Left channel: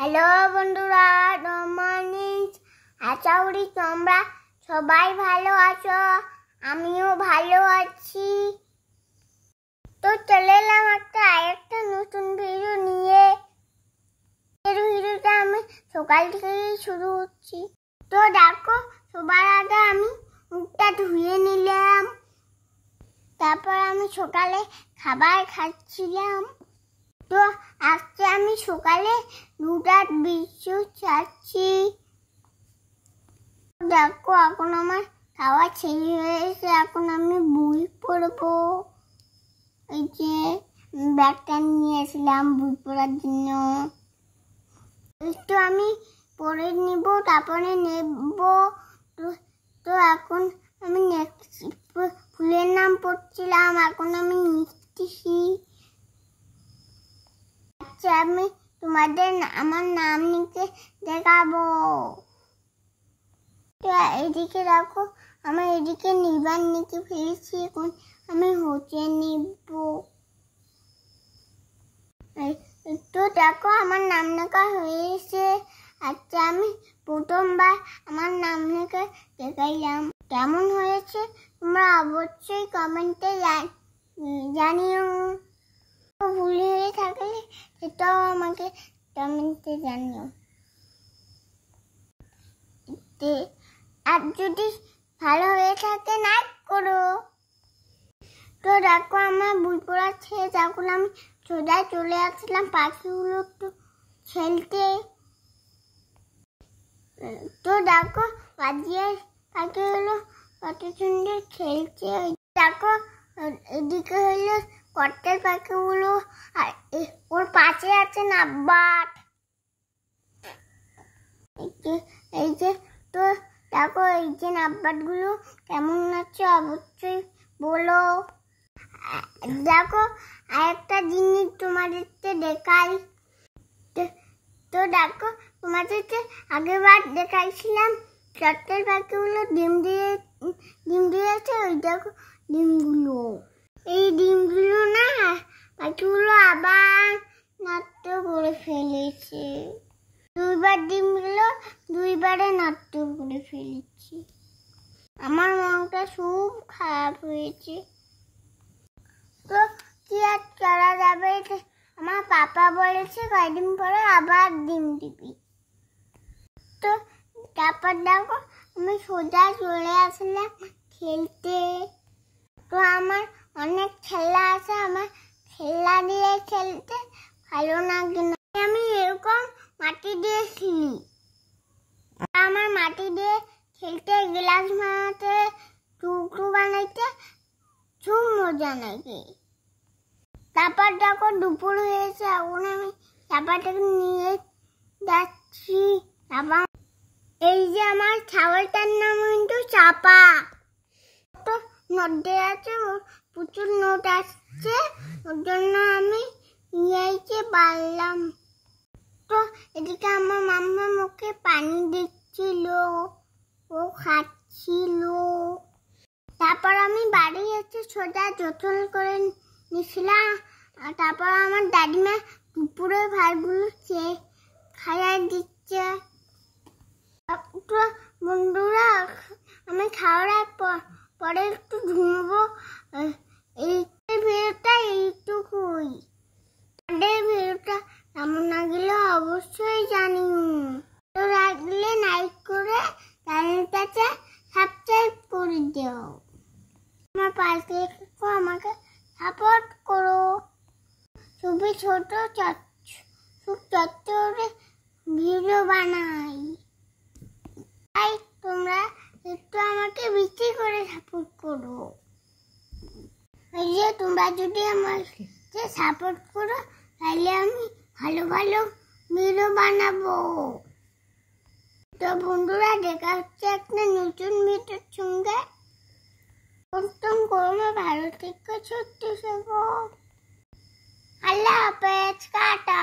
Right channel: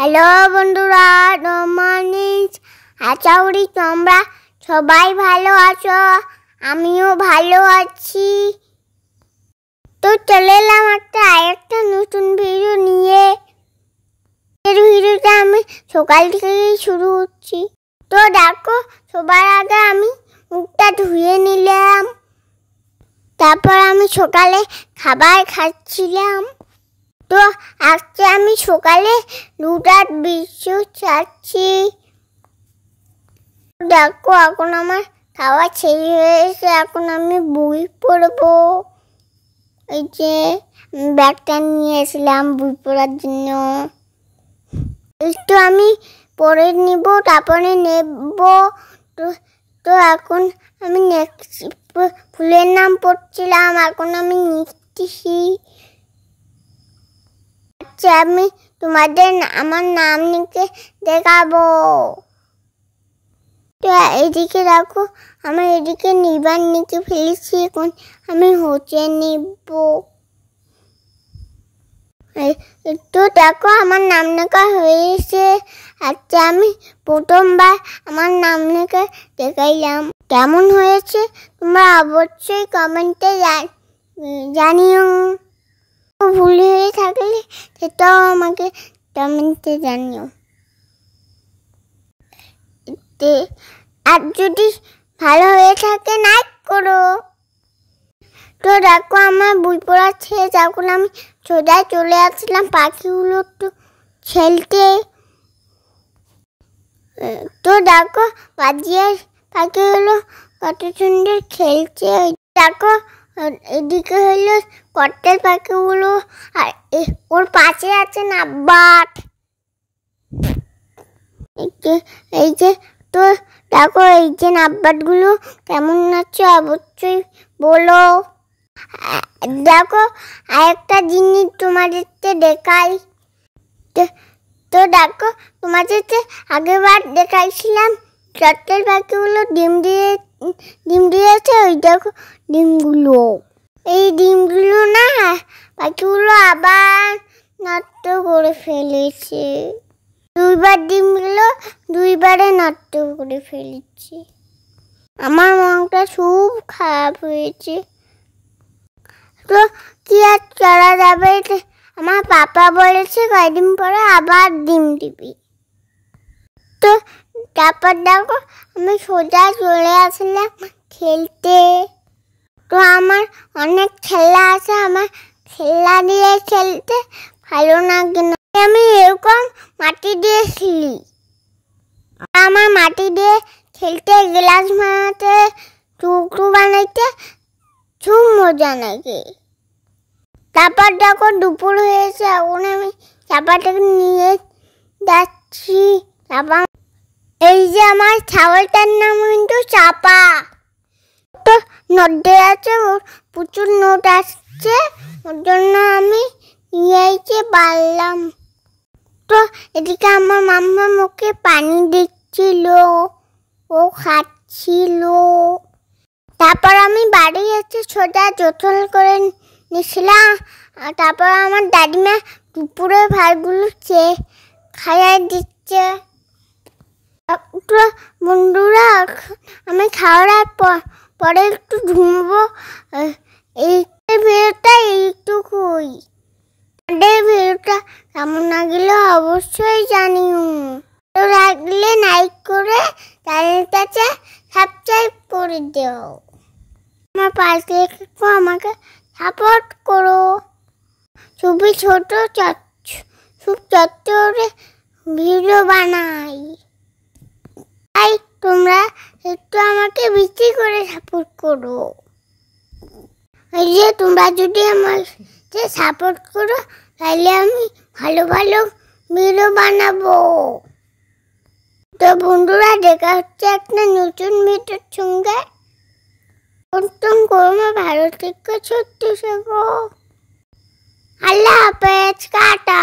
Hello বন্ধুরা, রমানিস। আশা করি তোমরা সবাই ভালো আছো, আমিও ভালো আছি। তো চলে এলাম আরেকটা নতুন ভিডিও নিয়ে। এর ভিডিওটা আমি সকাল থেকেই শুরু করছি। তো দেখো, সবার আগে আমি মুখটা ধুয়ে নিলাম। তারপর আমি সকালে খাবার খাচ্ছিলাম। তো আজকে আমি সকালে রুটার বিশ্ব চাচ্ছি। দেখো, এখন আমার খাওয়া শেষ হয়েছে। এখন আমি বই পড়বো। এই যে ব্যাগটা নিয়ে এসেছিলাম বই পড়ার জন্য, একটু আমি পড়ে নিব, তারপরে নেব। তো এখন আমি ফুলের নাম পড়ছিলাম, এখন আমি নিচ্ছি। আমি তোমাদের আমার নাম লিখে দেখাবো। তো এদিকে দেখো, আমার এদিকে নিবার লিখে ফেলেছি। এখন আমি হচ্ছে নিব। তো দেখো, আমার নাম লেখা হয়েছে। আচ্ছা, আমি প্রথমবার আমার নাম লিখে দেখাইলাম। কেমন হয়েছে তোমরা অবশ্যই কমেন্টে জানিও। ভুল হয়ে থাকলে সেটাও আমাকে কমেন্টে জানিও। আর যদি ভালো হয়ে থাকে লাইক করো। তো দেখো, আমার বই পড়া শেষ। এখন আমি সোজা চলে আসলাম পাখিগুলো একটু খেলতে। তো দেখো, বাজিয়ে পাখিগুলো কত সুন্দর খেলছে। দেখো, এদিকে হলো কটের পাখিগুলো, আর ওর পাশে আছে নাব্বাট। এই যে, তো দেখো, এই যে নাব্বাটগুলো কেমন আছে অবশ্যই বলো। দেখো, আরেকটা জিনিস তোমাদেরকে দেখাই। তো দেখো, তোমাদেরকে আগেরবার দেখাইছিলাম চটের পাখিগুলো ডিম দিয়েছে। ওই দেখো ডিমগুলো, এই ডিমগুলো না পাখিগুলো আবার নষ্ট করে ফেলেছে। দুইবারে নষ্ট করে ফেলেছে। আমার মনটা খুব খারাপ হয়েছে। তো কি আর করা যাবে, আমার পাপা বলেছে কয়েকদিন পরে আবার ডিম দিবি। তো তারপর দেখো, আমি সোজা চলে আসলাম খেলতে। তো আমার অনেক খেলা আছে, আমার খেলা দিয়ে খেলতে ভালো লাগে না। আমি এরকম মাটি দিয়ে খেলি। আমার মাটি দিয়ে খেলতে, গ্লাস বানাতে, টুকরো বানাইতে খুব মজা লাগে। তারপর দেখো, দুপুর হয়েছে। এখন আমি চাপাটাকে নিয়ে যাচ্ছি। তারপর এই যে আমার ছাগলটার নাম কিন্তু চাপা। তো নদে আছে, প্রচুর নোট আসছে, ওর জন্য আমি নিয়ে পারলাম। তো এদিকে আমার মাম্মা মুখে পানি দিচ্ছিল, ও খাচ্ছিল। তারপর আমি বাড়ি এসে সোজা জোতল করে নিয়েছিলাম। আর তারপর আমার দাদিমা দুপুরের ভাতগুলো খাইয়ে দিচ্ছে। বন্ধুরা, আমি খাওয়ার পরে একটু ঘুমবো। এই ভিডিওটা এইটুকুই। ভিডিওটা কেমন লাগলে অবশ্যই জানিও। তো লাগলে লাইক করে চ্যানেলটাকে সাবস্ক্রাইব করে দিও। আমার পাশে একটু আমাকে সাপোর্ট করো। খুবই ছোট চত্বরে ভিডিও বানাই, তাই তোমরা একটু আমাকে বেশি করে সাপোর্ট করো। এই যে তোমরা যদি আমাকে সাপোর্ট করো, তাহলে আমি ভালো ভালো ভিডিও বানাবো। তো বন্ধুরা, দেখা হচ্ছে একটা নতুন ভিডিওর সঙ্গে। ভালো থেকে সত্যি শেখো। আল্লাহ হাফেজ, টাটা।